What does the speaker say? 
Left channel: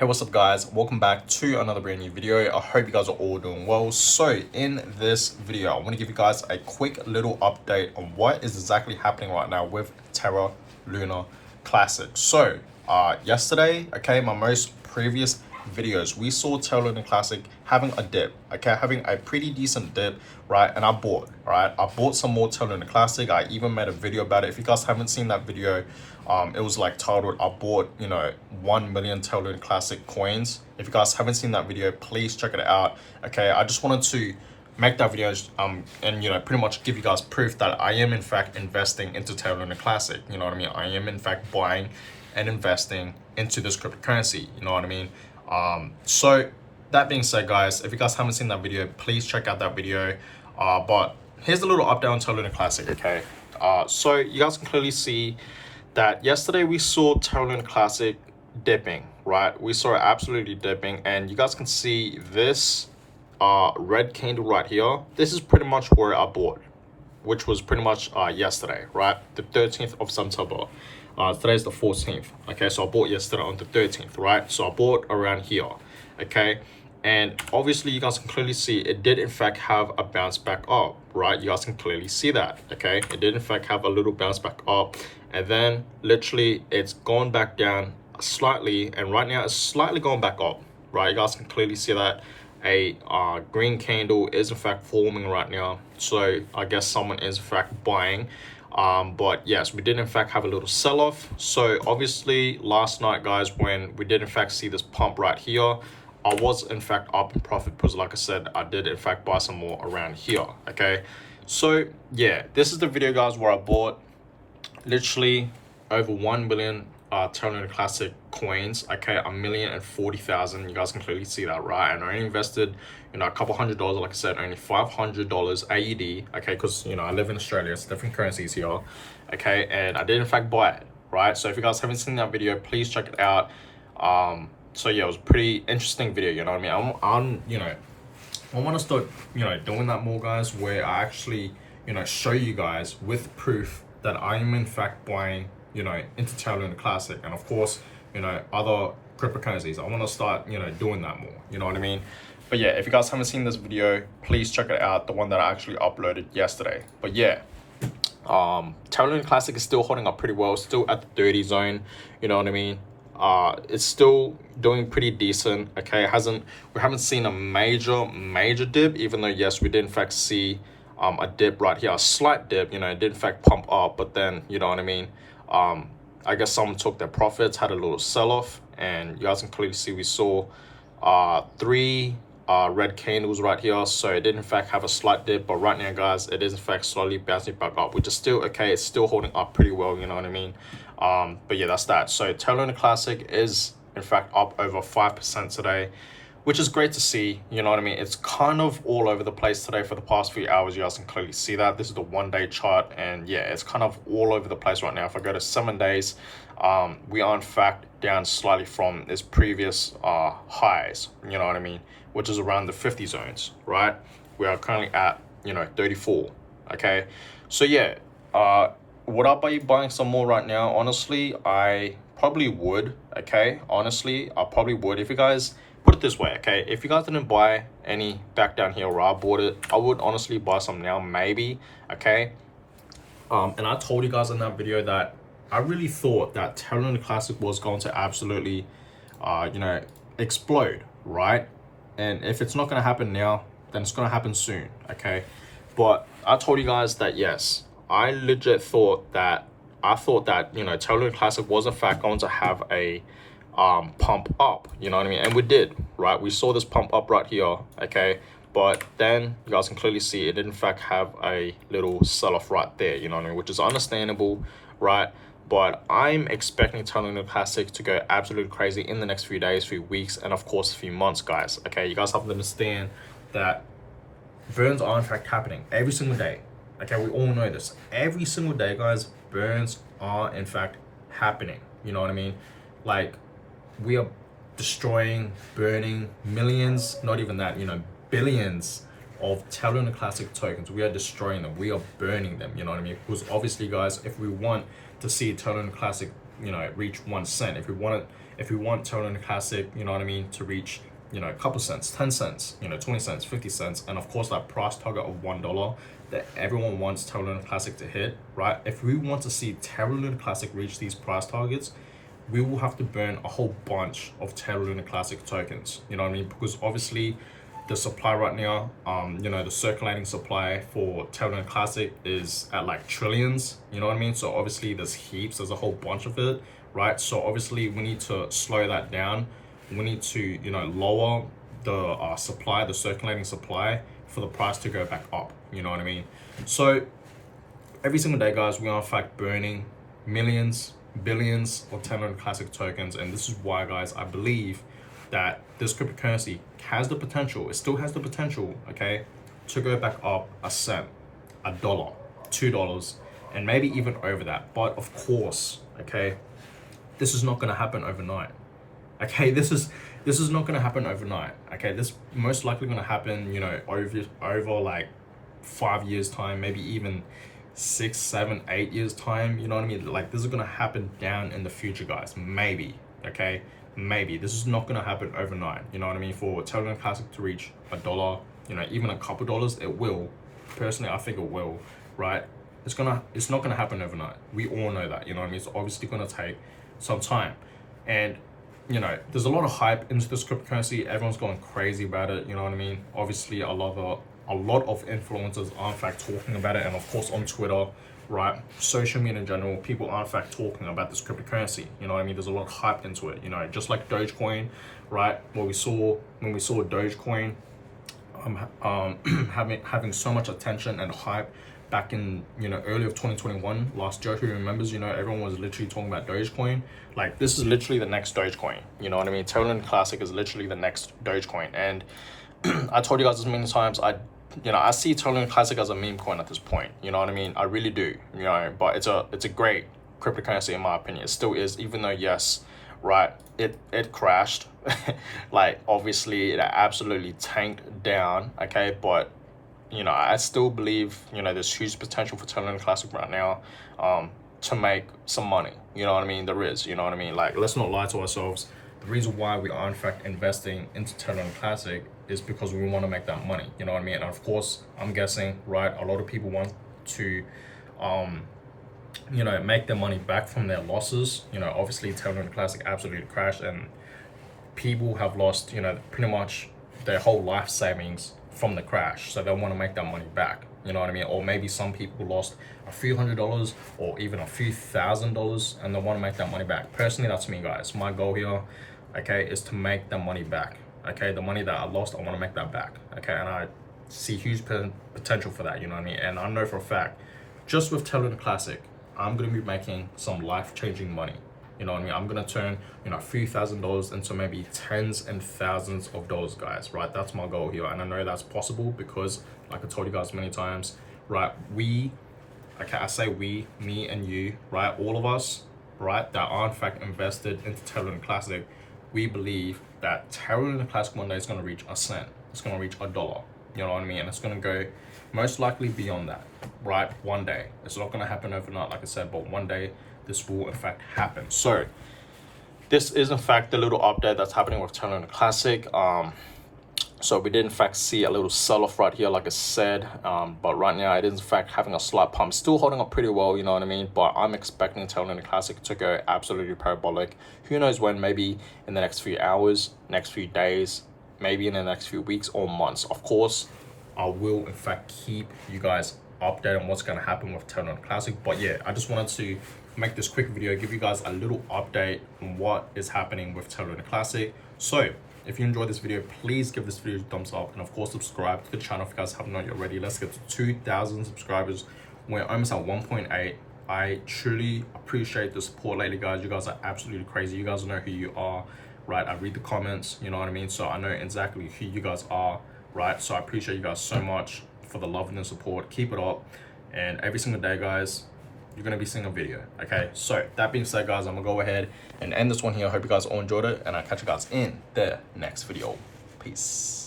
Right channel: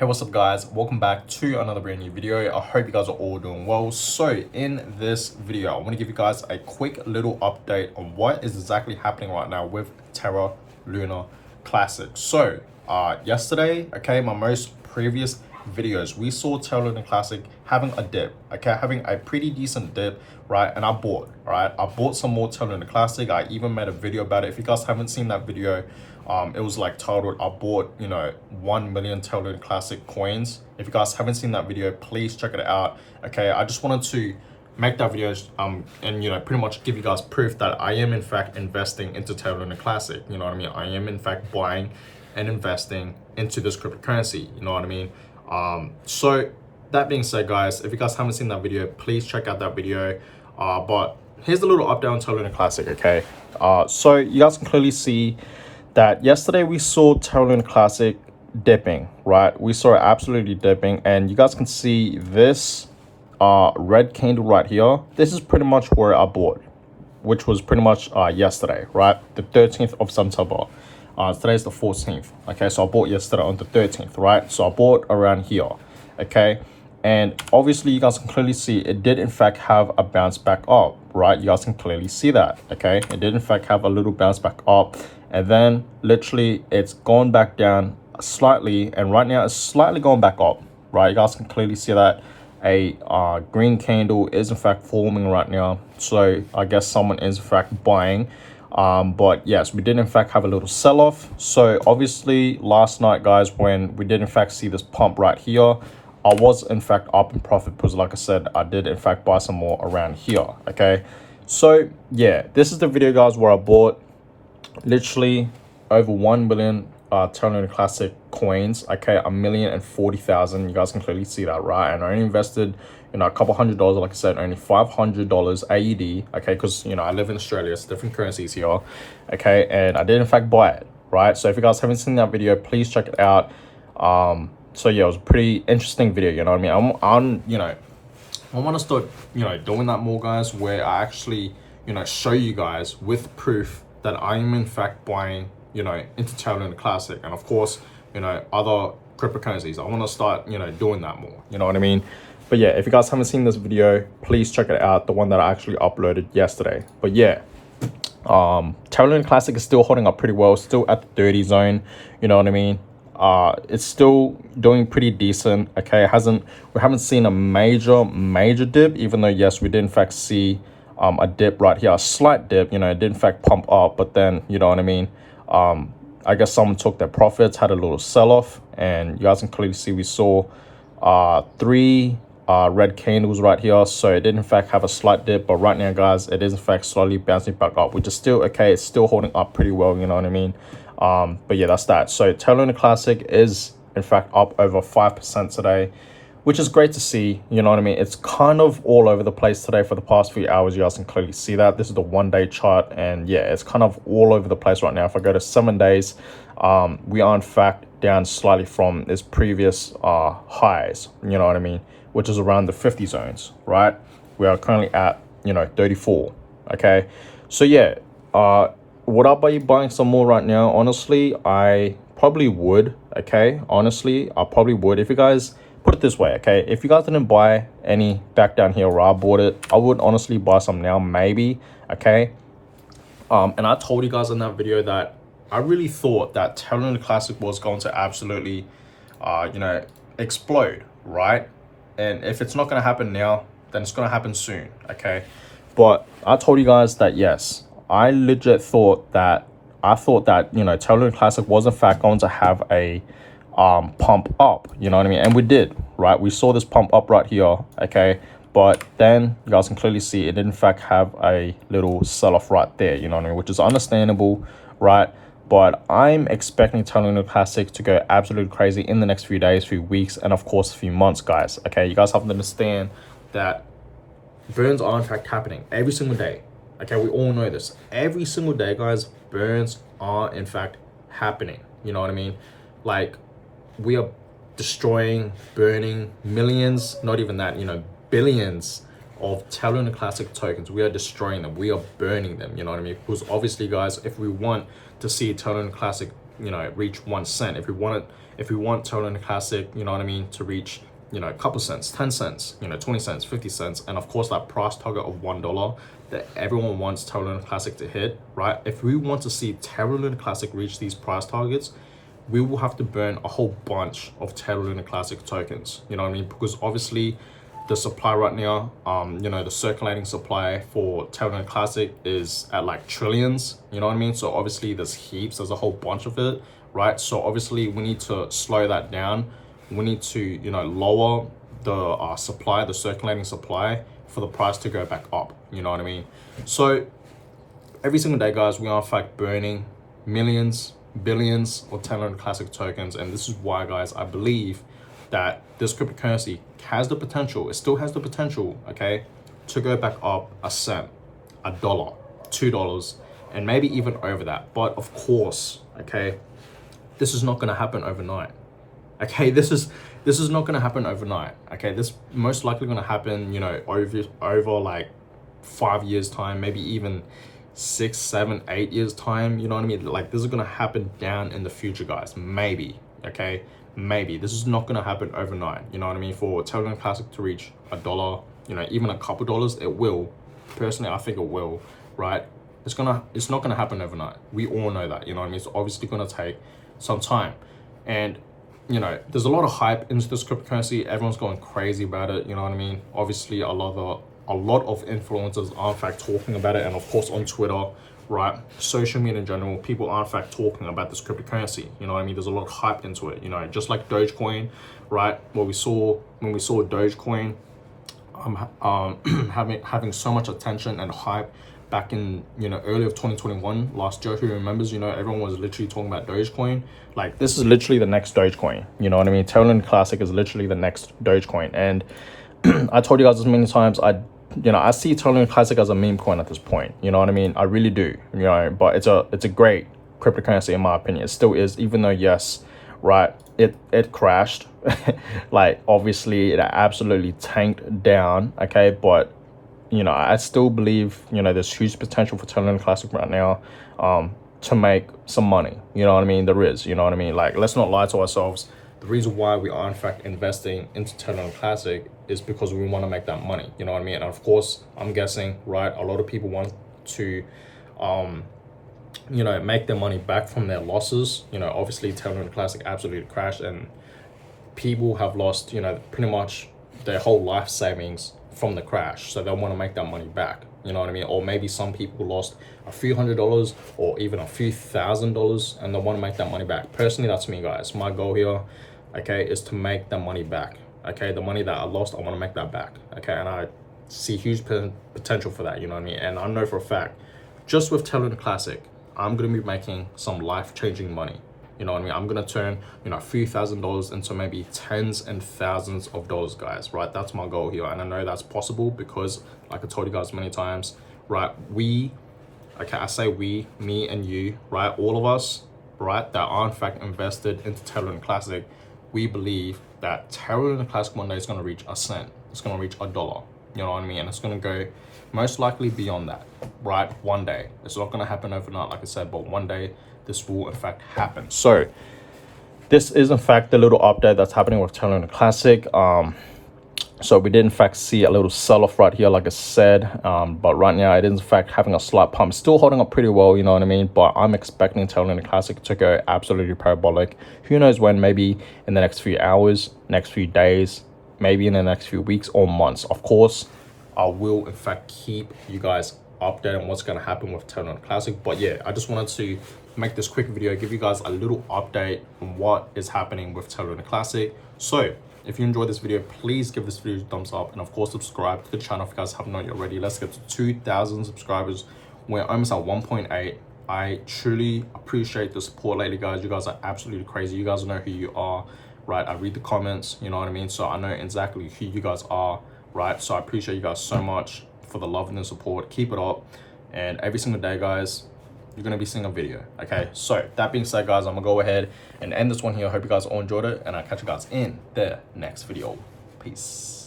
Hey, what's up guys? Welcome back to another brand new video. I hope you guys are all doing well. So in this video, I want to give you guys a quick little update on what is exactly happening right now with Terra Luna Classic. So yesterday, okay, my most previous videos, we saw Terra Luna Classic having a dip, okay, having a pretty decent dip, right? And I bought, right? I bought some more Terra Luna Classic. I even made a video about it. If you guys haven't seen that video, it was like titled, I bought, 1 million Terra Luna Classic coins. If you guys haven't seen that video, please check it out. Okay, I just wanted to make that video and pretty much give you guys proof that I am in fact investing into Terra Luna Classic. You know what I mean? I am in fact buying and investing into this cryptocurrency. You know what I mean? So that being said, guys, if you guys haven't seen that video, please check out that video. But here's a little update on Terra Luna Classic. Okay, so you guys can clearly see that yesterday we saw Terra Luna Classic dipping, right? We saw it absolutely dipping, and you guys can see this red candle right here. This is pretty much where I bought, which was pretty much yesterday, right? The 13th of September. Today's the 14th. Okay, so I bought yesterday on the 13th, right? So I bought around here, okay? And obviously you guys can clearly see it did in fact have a bounce back up, right? You guys can clearly see that, okay? It did in fact have a little bounce back up, and then literally it's gone back down slightly, and right now it's slightly going back up, right? You guys can clearly see that a green candle is in fact forming right now. So I guess someone is in fact buying. But yes, we did in fact have a little sell-off. So obviously last night, guys, when we did in fact see this pump right here, I was in fact up in profit because, like I said, I did in fact buy some more around here. Okay, so yeah, this is the video, guys, where I bought literally over 1 million Terra Luna Classic coins. Okay, 1,040,000. You guys can clearly see that, right? And I only invested a couple $100, like I said, only $500 AED. Okay, because I live in Australia, it's different currencies here. Okay, and I did in fact buy it, right? So if you guys haven't seen that video, please check it out. So yeah, it was a pretty interesting video. You know what I mean? I want to start doing that more, guys, where I actually show you guys with proof that I am in fact buying into Terra Luna Classic, and of course other cryptocurrencies. I want to start doing that more. You know what I mean? But yeah, if you guys haven't seen this video, please check it out, the one that I actually uploaded yesterday. But yeah, Terra Luna Classic is still holding up pretty well, still at the 30 zone. You know what I mean? It's still doing pretty decent. Okay, we haven't seen a major dip, even though yes, we did in fact see a dip right here, a slight dip. It did in fact pump up, but then you know what I mean, I guess someone took their profits, had a little sell-off, and you guys can clearly see we saw 3 red candles right here. So it did in fact have a slight dip, but right now, guys, it is in fact slowly bouncing back up, which is still okay. It's still holding up pretty well, you know what I mean? But yeah, that's that. So Terra Luna Classic is in fact up over 5% today, which is great to see. You know what I mean? It's kind of all over the place today for the past few hours. You guys can clearly see that. This is the 1-day chart, and yeah, it's kind of all over the place right now. If I go to 7 days, we are in fact down slightly from its previous highs, you know what I mean, which is around the 50 zones, right? We are currently at 34. Okay, so yeah, would I be buying some more right now? Honestly, I probably would. Okay, honestly, I probably would. If you guys put it this way, okay, if you guys didn't buy any back down here where I bought it, I would honestly buy some now, maybe. Okay, and I told you guys in that video that I really thought that Terra Luna Classic was going to absolutely explode, right? And if it's not going to happen now, then it's going to happen soon. Okay, but I told you guys that yes, I legit thought that Terra Luna Classic was in fact going to have a pump up, you know what I mean? And we did, right? We saw this pump up right here, okay? But then you guys can clearly see it did in fact have a little sell-off right there, you know what I mean? Which is understandable, right? But I'm expecting Terra Luna Classic to go absolutely crazy in the next few days, few weeks, and of course a few months, guys. Okay, you guys have to understand that burns are in fact happening every single day. Okay, we all know this. Every single day, guys, burns are in fact happening. You know what I mean? Like, we are destroying, burning millions, not even that, billions of Terra Luna Classic tokens. We are destroying them. We are burning them, you know what I mean? Because obviously, guys, if we want to see Terra Luna Classic you know, reach 1 cent. If we want Terra Luna Classic, you know what I mean, to reach, you know, a couple cents, 10 cents, you know, 20 cents, 50 cents, and of course that price target of $1 that everyone wants Terra Luna Classic to hit, right? If we want to see Terra Luna Classic reach these price targets, we will have to burn a whole bunch of Terra Luna Classic tokens, you know what I mean? Because obviously the supply right now, you know, the circulating supply for Terra Luna Classic is at like trillions, you know what I mean? So obviously there's heaps, there's a whole bunch of it, right? So obviously we need to slow that down. We need to, you know, lower the supply, the circulating supply, for the price to go back up, you know what I mean? So every single day, guys, we are in fact burning millions, billions of Terra Luna Classic tokens, and this is why, guys, I believe that this cryptocurrency has the potential, it still has the potential, okay, to go back up a cent, $1, $2, and maybe even over that. But of course, okay, this is not going to happen overnight. Okay, this is not going to happen overnight. Okay, this most likely going to happen, you know, over like 5 years time, maybe even 6, 7, 8 years time, you know what I mean? Like, this is going to happen down in the future, guys, maybe. Okay, maybe this is not going to happen overnight, you know what I mean? For Terra Luna Classic to reach $1, you know, even a couple dollars, it will. Personally, I think it will, right? It's not gonna happen overnight. We all know that, you know what I mean? It's obviously gonna take some time, and you know, there's a lot of hype into this cryptocurrency. Everyone's going crazy about it, you know what I mean? Obviously, a lot of influencers are in fact talking about it, and of course on Twitter, right? Social media in general, people are in fact talking about this cryptocurrency, you know what I mean? There's a lot of hype into it, you know, just like Dogecoin, right? When we saw Dogecoin having so much attention and hype back in, you know, early of 2021, last year, who remembers, you know, everyone was literally talking about Dogecoin. Like, this is literally the next Dogecoin, you know what I mean? Terra Luna Classic is literally the next Dogecoin. And I told you guys as many times, I see Terra Luna Classic as a meme coin at this point, you know what I mean? I really do, you know, but it's a great cryptocurrency in my opinion. It still is, even though, yes, right, it crashed. Like, obviously it absolutely tanked down, okay, but you know, I still believe, you know, there's huge potential for Terra Luna Classic right now to make some money, you know what I mean? There is, you know what I mean? Like, let's not lie to ourselves. The reason why we are in fact investing into Terra Luna Classic is because we want to make that money, you know what I mean? And of course, I'm guessing, right, a lot of people want to you know, make their money back from their losses. You know, obviously Terra Luna Classic absolutely crashed, and people have lost, you know, pretty much their whole life savings from the crash, so they want to make that money back, you know what I mean? Or maybe some people lost a few $100s or even a few $1,000s, and they want to make that money back. Personally, that's me, guys. My goal here, okay, is to make that money back. Okay, the money that I lost, I want to make that back. Okay, and I see huge potential for that, you know what I mean? And I know for a fact, just with Terra Luna Classic, I'm going to be making some life-changing money. You know what I mean? I'm going to turn, you know, a few $1,000s into maybe tens and thousands of dollars, guys, right? That's my goal here. And I know that's possible because, like I told you guys many times, right? Okay, I say we, me and you, right? All of us, right, that are in fact invested into Terra Luna Classic, we believe that Terra Luna Classic one day is going to reach a cent. It's going to reach $1. You know what I mean? And it's going to go most likely beyond that, right? One day. It's not going to happen overnight, like I said, but one day this will in fact happen. So this is in fact the little update that's happening with Terra Luna Classic. So we did in fact see a little sell-off right here, like I said, but right now it is in fact having a slight pump, still holding up pretty well, you know what I mean? But I'm expecting Terra Luna Classic to go absolutely parabolic. Who knows when? Maybe in the next few hours, next few days, maybe in the next few weeks or months. Of course, I will in fact keep you guys updated on what's going to happen with Terra Luna Classic. But yeah, I just wanted to make this quick video, give you guys a little update on what is happening with Terra Luna Classic. So if you enjoyed this video, please give this video a thumbs up, and of course subscribe to the channel if you guys haven't done it already. Let's get to 2,000 subscribers. We're almost at 1.8. I truly appreciate the support lately, guys. You guys are absolutely crazy. You guys know who you are, right? I read the comments, you know what I mean? So I know exactly who you guys are, right? So I appreciate you guys so much for the love and the support. Keep it up, and every single day, guys, you're gonna be seeing a video. Okay, so that being said, guys, I'm gonna go ahead and end this one here. I hope you guys all enjoyed it, and I'll catch you guys in the next video. Peace.